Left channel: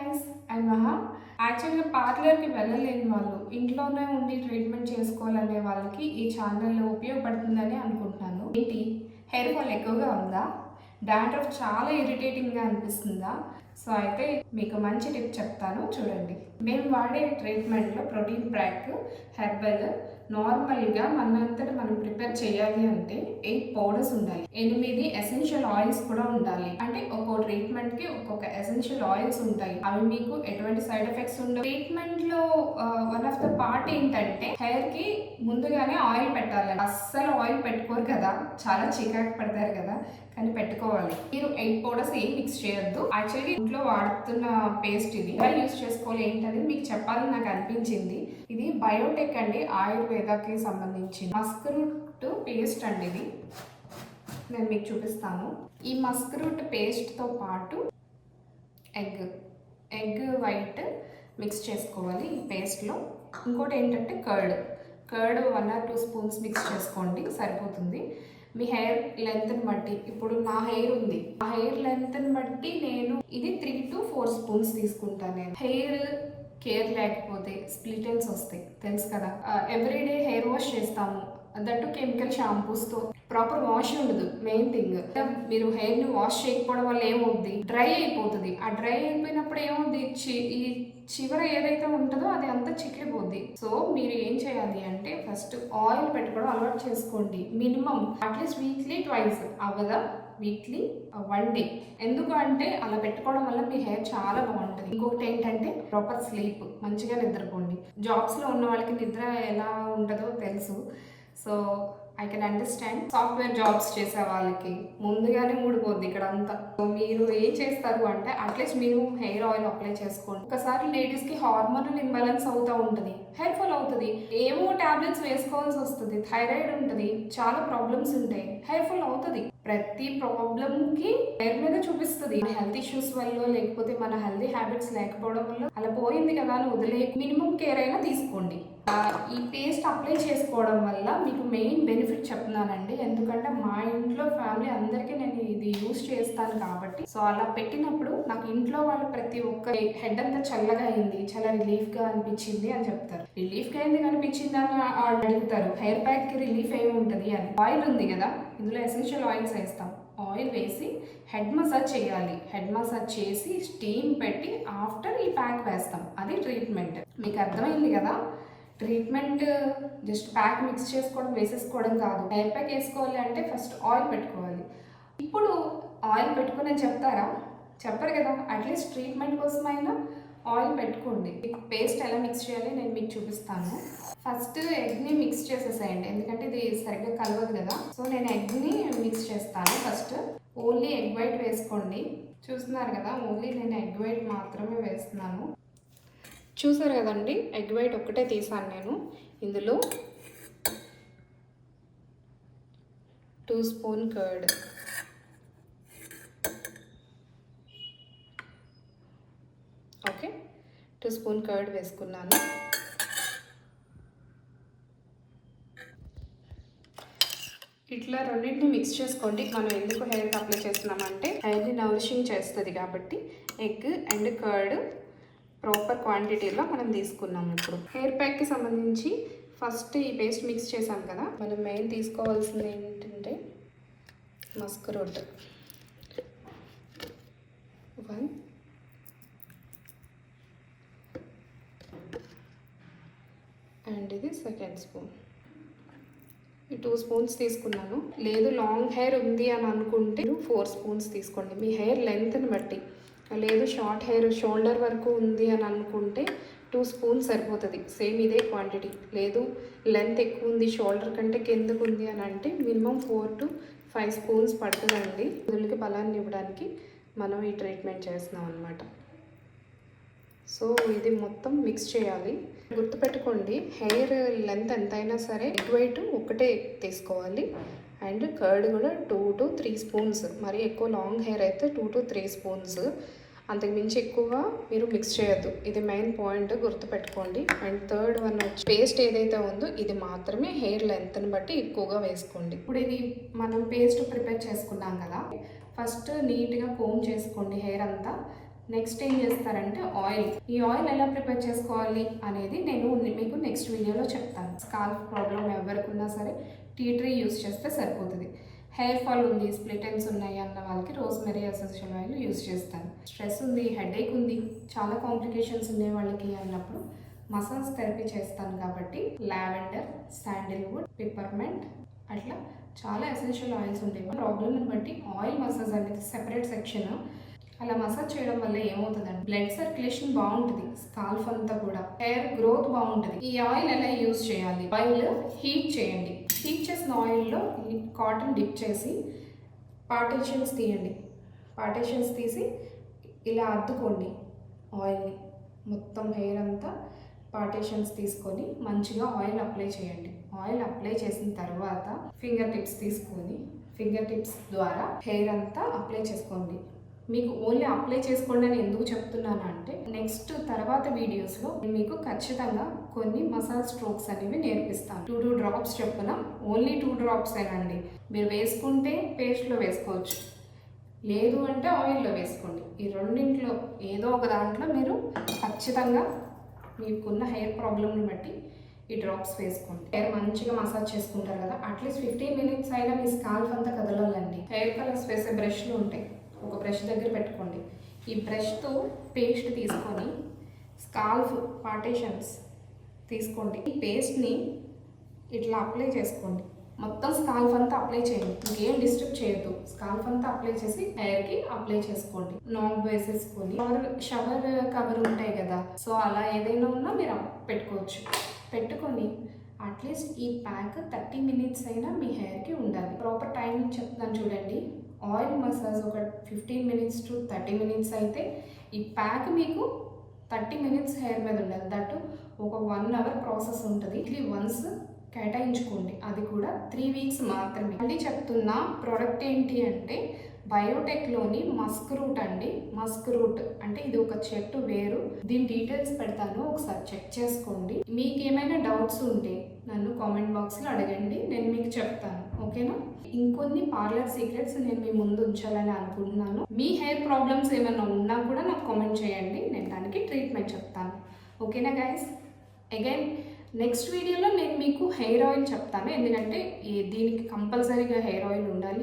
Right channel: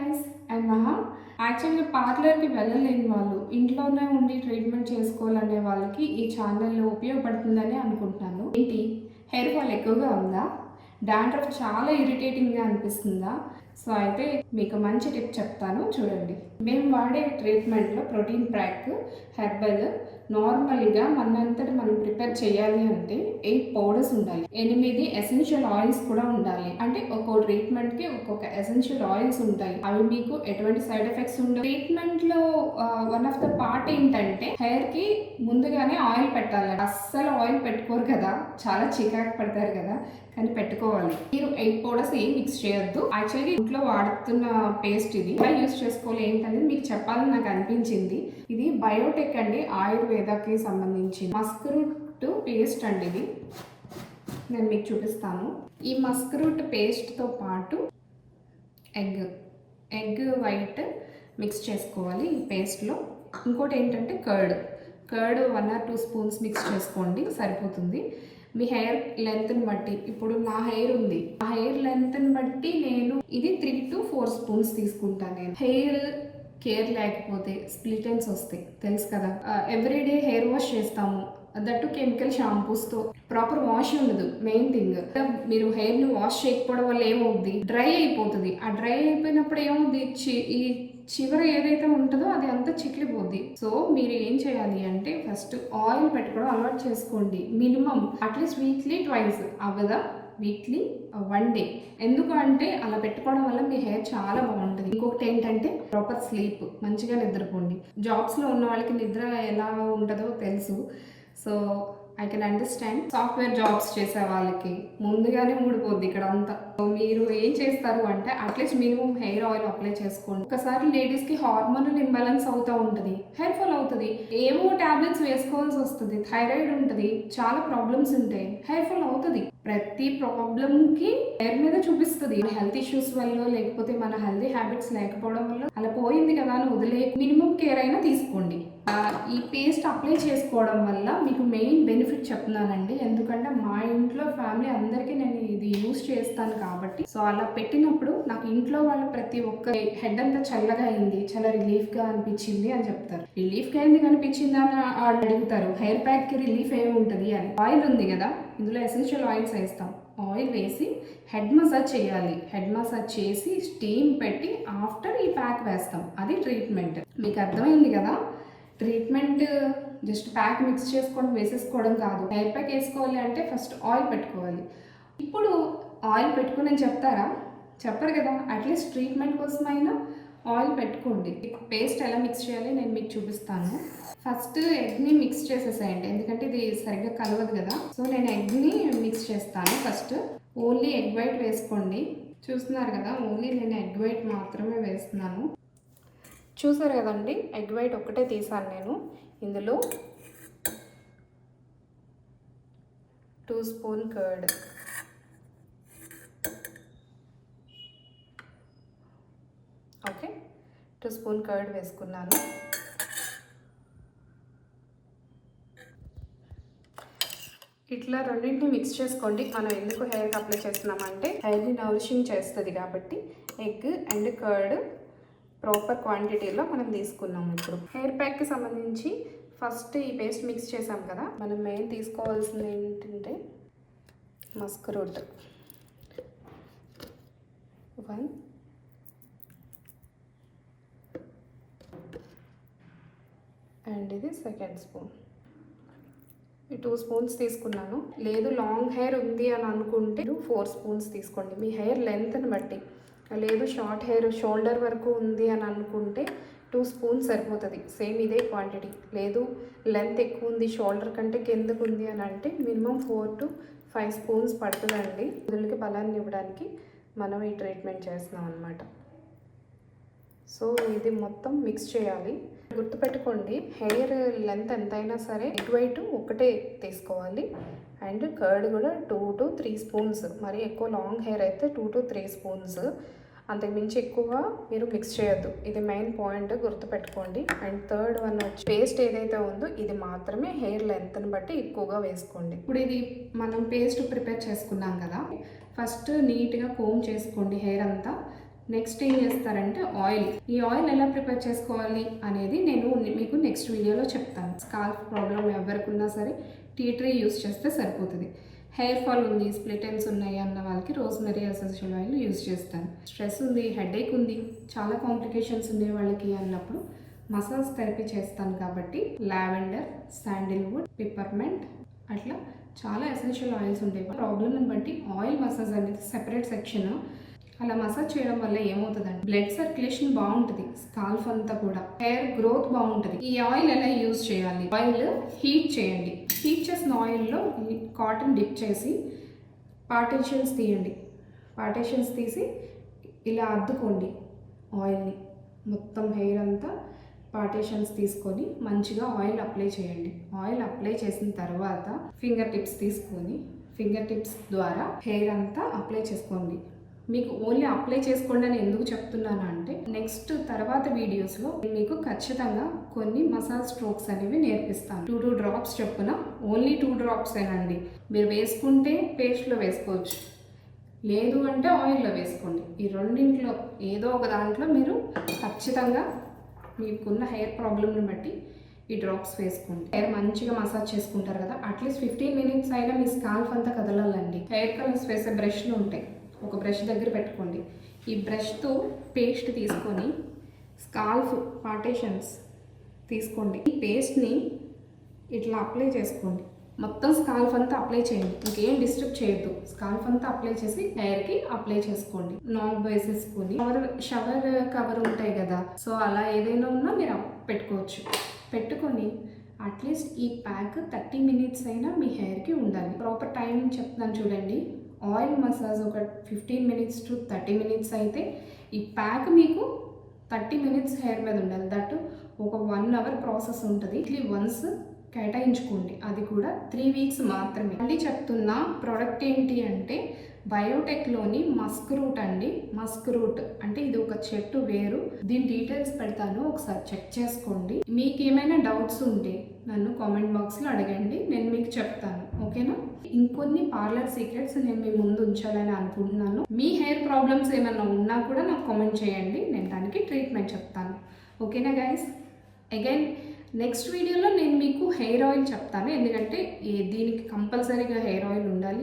Guys, and మహా. యాక్చువల్గా పార్లర్కి వెళ్ళలేని వాళ్ళు ఇంట్లోనే ఉండి ట్రీట్మెంట్ చేసుకోవాలనే వాళ్ళకి ఈ ఛానల్ ఉపయోగపడుతుందని అనుకుంటున్నాను. ఏంటి, హెయిర్ ఫాల్ ఎక్కువగా ఉందా? డాండ్రఫ్ చాలా ఇరిటేటింగ్గా అనిపిస్తుందా? సో అయితే మీకు మంచి టిప్ చెప్తాను, చూడండి. మేము వాడే ట్రీట్మెంట్లో ప్రోటీన్ ప్యాక్ హెర్బల్ నార్మల్గా మనంతటి మనం ప్రిపేర్ చేయాలి అంటే 8 పౌడర్స్ ఉండాలి, 8 ఎసెన్షియల్ ఆయిల్స్ కూడా ఉండాలి. అంటే ఒక్కో ట్రీట్మెంట్ కి ఒక్కొక్క ఎసెన్షియల్ ఆయిల్స్ ఉంటాయి. అవి మీకు ఎటువంటి సైడ్ ఎఫెక్ట్స్ ఉండవు. ట్రీట్మెంట్ లో వన్ ఆఫ్ ద పార్ట్ ఏంటంటే హెయిర్ కి ముందుగానే ఆయిల్ పెట్టాలి. అస్సలు ఆయిల్ పెట్టుకోరు కదా, చాలా చికాకు పడతారు కదా, కానీ పెట్టుకోవాలి. మీరు 8 పౌడర్స్ ఏం మిక్స్ చేయొద్దు. యాక్చువల్గా ఇంట్లో వాడుతున్న పేస్ట్ ఇది ఎలా యూస్ చేసుకోవాలి ఏంటనేది మీకు చెప్పాలని నాకు అనిపించింది. ఇది బయోటెక్ అండి, ఆయుర్వేదకి సంబంధించి మస్క్ రూట్ పేస్ట్ అండి. ఇది నేను మీకు చూపిస్తాను. ఈ మస్క్ రూట్ పేస్ట్తో పాటు ఎగ్ వైట్ మిక్స్ చేసుకోవాలి ఈ పేస్ట్లో. ఇంకోటి ఏంటంటే కర్డ్ 1 or 2 స్పూన్స్ మిక్స్ చేసుకోండి, సరిపోతుంది. మీ హెయిర్ లెంత్ని బట్టి, ఇప్పుడు నా హెయిర్ ఉంది, ఆ హెయిర్ లెంత్ని బట్టి నేను ఇది 3 to 4 స్పూన్స్ తీసుకుంటాను. నేను హెయిర్ కేర్ లేకపోతే స్ప్లిట్ ఎండ్స్ వస్తాయి, తెలుసు కదా. ఎవ్రీడే హెయిర్ వాష్ చేస్తాము, దట్టు కెమికల్ షాంపూస్తో. ప్రాపర్ వాష్ ఉండదు. మెయిన్ థింగ్, మీరు హెయిర్ని వాష్ చేయకపోవడం వల్ల ఏమవుద్ది, డ్రై అయిపోతుంది. ఆ డ్రై అయిపోయినప్పుడు ఏమవుద్ది, ఈ చివర ఏదైతే ఉంటుందో అది అంతా చిట్లిపోద్ది. సో మీరు ఏం చేయాలి అంటే ఫస్ట్ ఆయిల్ పెట్టుకోవడం అలవాటు చేసుకోండి. మినిమం అట్లీస్ట్ వీక్లీ 2 అవ్వదా, వీక్లీ 1 డే. ఎందుకు అంటే అలా పెట్టుకోవడం వల్ల మీ హెయిర్ చాలా బాగుంటుంది. ఇంకొకటి ఏంటంటే ప్రాపర్ స్లీప్, మంచిగా నిద్రపోండి. జాబ్స్లో ఉన్న వాళ్ళకి నిద్ర ఎలా ఉంటుందో తెలుసు. So I can understand. Software jobs చేసే వాళ్ళకి ముందుగానే ఊడిపోద్ది ఇక్కడ అంతా. మీరు ఏం చేస్తారు అంటే అట్లీస్ట్ మీరు హెయిర్ ఆయిల్ అప్లై చేసుకోండి. ఒకసారి లేడీస్కి హార్మోనల్ ఇంబ్యాలెన్స్ అవుతూ ఉంటుంది, హెయిర్ ఫాల్ అవుతుంది, ఏమో టాబ్లెట్స్ వేసుకోవాల్సి వస్తుంది, థైరాయిడ్ ఉంటుంది, చాలా ప్రాబ్లమ్స్ ఉంటాయి, హెయిర్ ఫాల్ అవుతుంది. ప్రతి ప్రాబ్లంకి హెయిర్ మీద చూపిస్తుంది. హెల్త్ ఇష్యూస్ వల్ల, లేకపోతే మన హెల్తీ హ్యాబిట్స్ లేకపోవడం వల్ల అలా పోయింది కదా అని వదిలే, మినిమం కేర్ అయినా తీసుకోండి. ఈ పేస్ట్ అప్లై చేసుకోవడం వల్ల మీకు మెయిన్ బెనిఫిట్ చెప్తున్నానండి. ఎందుకంటే మా ఇంట్లో ఫ్యామిలీ అందరికీ నేను ఇది యూజ్ చేస్తాను కాబట్టి. సో అలా పెట్టినప్పుడు నాకు ఇంట్లో వాళ్ళు ప్రతి ఒక్క హెడ్ అంతా చల్లగా అయింది, చాలా రిలీఫ్గా అనిపించింది అని చెప్తారు. రిలీఫ్గా అయింది అనిపించింది అని అడుగుతారు. హెయిర్ ప్యాక్కి రిలీఫ్ ఏమి ఉంటుంది అని. ఆయిల్ ఉంది కదా, ఇందులో ఎసెన్షియల్ ఆయిల్స్ వేస్తాం. ఆయిల్ వేసి హెడ్ మసాజ్ చేయాలి. హెడ్ మసాజ్ చేసి స్టీమ్ పెట్టి ఆఫ్టర్ ఈ ప్యాక్ వేస్తాం. అది ట్రీట్మెంట్. మీకు అర్థమైంది కదా. ట్రీట్మెంట్ జస్ట్ ప్యాక్ మిక్స్ చేసుకోవడం, వేసేసుకోవడం కాదు. హెయిర్ ప్యాక్ వేసుకోవాలి అంటే ఫస్ట్ ఆయిల్ పెట్టుకోవాలి. ఇప్పుడు ఆయిల్ పెట్టుకుని చెప్తారా, చెప్పరు కదా. అట్లీస్ట్ ట్రీట్మెంట్ కోసమైనా ఆయిల్ పెట్టుకోండి. పేస్ట్ ఎలా మిక్స్ చేయాలి నేను మీకు చూపిస్తాను. ఫస్ట్ ఎగ్ని మిక్స్ చేసేసేయండి, ఎందుకంటే ఇది సరిగ్గా కలవదు కదా. సో నేను ఎగ్ని మిక్స్ చేస్తాను. ఫస్ట్ ఓన్లీ ఎగ్ వైట్ వేసుకోండి. చూస్తున్నారు కదా, ఓన్లీ నేను ఎగ్ వైట్ మాత్రమే వేస్తున్నాను. చూసారు కదండి, ఎగ్ వైట్ ఒక్కటే తీసాను నేను. ఇందులో 2 spoon curd, okay, 2 spoon curd వేసుకున్నాను. ఇట్లా రెండింటిని మిక్స్ చేసుకోండి. మనం ఎందుకు హెయిర్కి అప్లై చేస్తున్నామంటే హెయిర్ని నౌరిషింగ్ చేస్తుంది కాబట్టి ఎగ్ అండ్ కర్డ్ ప్రాపర్ క్వాంటిటీలో మనం తీసుకున్నాం. ఇప్పుడు హెయిర్ ప్యాక్కి సంబంధించి ఫస్ట్ ఈ పేస్ట్ మిక్స్ చేసాం కదా, మనం మెయిన్ తీసుకోవాల్సింది ఏంటంటే మస్క్ రూట్ 1, అండ్ ఇది 2nd స్పూన్. ఈ 2 స్పూన్స్ తీసుకున్నాను. లేదు లాంగ్ హెయిర్ ఉంది అని అనుకుంటే 4 స్పూన్స్ తీసుకోండి, మీ హెయిర్ లెంత్ని బట్టి. లేదు షార్ట్ హెయిర్ షోల్డర్ వరకు ఉంది అని అనుకుంటే 2 స్పూన్స్ సరిపోతుంది, సేమ్ ఇదే క్వాంటిటీ. లేదు లెంత్ ఎక్కువ ఉంది, షోల్డర్ కంటే కిందకు ఉంది అని అంటే మినిమం 4 to 5 స్పూన్స్ పడుతుందండి. కుదులకి బలాన్ని ఇవ్వడానికి మనం ఈ ట్రీట్మెంట్ చేస్తున్నాం అన్నమాట. సో ఇది మొత్తం మిక్స్ చేయాలి. గుర్తుపెట్టుకోండి, హెయిర్ లెంత్ ఎంతైనా సరే ఎగ్ వైట్ ఒకటే తీసుకోవాలి, అండ్ కర్డ్ కూడా 2 to 3 స్పూన్స్. మరి ఎక్కువ లాంగ్ హెయిర్ అయితే 2 to 3 స్పూన్స్, అంతకు మించి ఎక్కువ మీరు మిక్స్ చేయొద్దు. ఇది మెయిన్ పాయింట్, గుర్తుపెట్టుకోండి. అండ్ థర్డ్ వన్ వచ్చి పేస్ట్ ఏదైతే ఉందో ఇది మాత్రమే హెయిర్ లెంత్ని బట్టి ఎక్కువగా వేసుకోండి. ఇప్పుడు ఇది మనం పేస్ట్ ప్రిపేర్ చేసుకున్నాం కదా, ఫస్ట్ నీట్గా కోమ్ చేసుకోండి హెయిర్ అంతా. నెక్స్ట్ ఏం చేస్తారంటే ఆయిల్. ఈ ఆయిల్ ఎలా ప్రిపేర్ చేసుకోవాలి అనేది నేను మీకు నెక్స్ట్ వీడియోలో చెప్తాను. స్కాల్ప్ ప్రాబ్లం ఎవరికి ఉన్నా సరే టీ ట్రీ యూస్ చేస్తే సరిపోతుంది. హెయిర్ ఫాల్ ఉంది, స్ప్లిట్ ఎండ్స్ ఉన్నాయి అన్న వాళ్ళకి రోజ్మెరీ ఎసెన్షియల్ ఆయిల్ యూస్ చేస్తాను. స్ట్రెస్ ఉంది, హెడేక్ ఉంది, చాలా కాంప్లికేషన్స్ ఉన్నాయి వాళ్ళకి అన్నప్పుడు మసాజ్ థెరపీ చేస్తాను కాబట్టి లావెండర్, శాండిల్వుడ్, పిప్పర్మెంట్ అట్లా చాలా ఎసెన్షియల్ ఆయిల్స్ ఉంటాయి. ప్రాబ్లమ్ని బట్టి ఆయిల్ మసాజ్ అనేది సెపరేట్ సెక్షన్. అలా మసాజ్ చేయడం వల్ల ఏమవుతుందంటే బ్లడ్ సర్క్యులేషన్ బాగుంటుంది, స్కాల్ఫ్ అంతా కూడా హెయిర్ గ్రోత్ బాగుంటుంది. ఈ ఆయిల్ ఎలా యూజ్ చేయాలి? ఆయిల్ హీట్ చేయండి. హీట్ చేసిన ఆయిల్లో కాటన్ డిప్ చేసి పార్టీషన్స్ తీయండి. పార్టీషన్స్ తీసి ఇలా అద్దుకోండి ఆయిల్ని. మొత్తం హెయిర్ అంతా పార్టీషన్స్ తీసుకొని మంచిగా ఆయిల్ అప్లై చేయండి. ఆయిల్ అప్లై చేసిన తర్వాత ఫింగర్ టిప్స్ తీసుకొని ఫింగర్ టిప్స్ ద్వారా హెయిర్ అంతా అప్లై చేసుకోండి. మీకు ఓన్లీ అప్లై చేసుకోండి అని ఎందుకు చెప్తున్నాను అంటే నెక్స్ట్ తర్వాత వీడియోస్లో మీకు ఖచ్చితంగా కొన్ని మసాజ్ స్ట్రోక్స్ అనేవి నేర్పిస్తాను. 2 డ్రాప్స్ చొప్పున, ఓన్లీ 2 డ్రాప్స్ ఏనండి. మీరు వేసుకుంటే పేస్ట్లో వేసుకోవచ్చు, లేదు అంటే ఆయిల్లో వేసుకోండి. ఈ రెండింట్లో ఏదో ఒక దాంట్లో మీరు ఖచ్చితంగా మీకున్న హెయిర్ ప్రాబ్లమ్ని బట్టి ఈ డ్రాప్స్ వేసుకోండి. హెయిర్ మంచిగా మసాజ్ చేసుకుంటారు కదా, అట్లీస్ట్ 15 మినిట్స్ అయినా మీ స్కాల్ఫ్ అంతా కదలాలండి. హెయిర్ కలర్స్ వేసే బ్రష్లు ఉంటాయి, ఒక బ్రష్ దగ్గర పెట్టుకోండి. ఈ బ్రష్తో పేస్ట్ తీసుకొని స్కాల్ఫ్ పార్టీషన్స్ తీసుకోండి. ఈ పేస్ట్ని ఇట్లా అప్లై చేసుకోండి. మొత్తం స్కాల్ఫ్ అంతా అప్లై చేయండి, ఇంకేం డిస్టర్బ్ చేయొద్దు. స్కాల్ఫ్ అంతా అప్లై చేసి హెయిర్కి అప్లై చేసుకోండి. నాబ్ వేసేసుకొని షవర్ కవర్ ఉంటాయి కదా, సో అలా ఏదైనా ఉన్నా మీరు పెట్టుకోవచ్చు. పెట్టుకొని అట్లీస్ట్ ఈ ప్యాక్ 30 మినిట్స్ అయినా మీ హెయిర్కి ఉండాలి. ప్రాపర్ టైం చెప్తాను చూడండి. ఆయిల్ మసాజ్ ఒక 15 మినిట్స్ టు 30 మినిట్స్ అయితే ఈ ప్యాక్ మీకు 30 మినిట్స్ హెయిర్ మీద ఉండాలి. దట్ ఒక 1 అవర్ ప్రాసెస్ ఉంటుంది. ఇట్లీ వన్స్ కేటాయించుకోండి, అది కూడా 3 వీక్స్ మాత్రమే. మళ్ళీ చెప్తున్నా, ప్రోడక్ట్ ఏంటి అంటే బయోటెక్లోని మస్క్ రూట్ అండి. మస్క్ రూట్ అంటే ఇది ఒక చెట్టు వేరు. దీని డీటెయిల్స్ పెడతాను, ఒకసారి చెక్ చేసుకోండి. మీకు ఏమైనా డౌట్స్ ఉంటే నన్ను కామెంట్ బాక్స్లో అడగండి, నేను మీకు చెప్తాను. ఓకేనా? ఇంకొన్ని పార్లర్ సీక్రెట్స్ నేను మీ ముందు ఉంచాలని అనుకుంటున్నాను. మీ హెయిర్ ప్రాబ్లమ్స్ ఏమైనా ఉన్నా కూడా నాకు కామెంట్ చేయండి, నేను దానికి ట్రీట్మెంట్ చెప్తాను. ఓకేనా గైస్? అగైన్ నెక్స్ట్ వీడియోలో నేను మీకు హెయిర్ ఆయిల్ చెప్తాను, ఎందుకంటే దీనికి కంపల్సరీగా హెయిర్ ఆయిల్ ఉండాలి.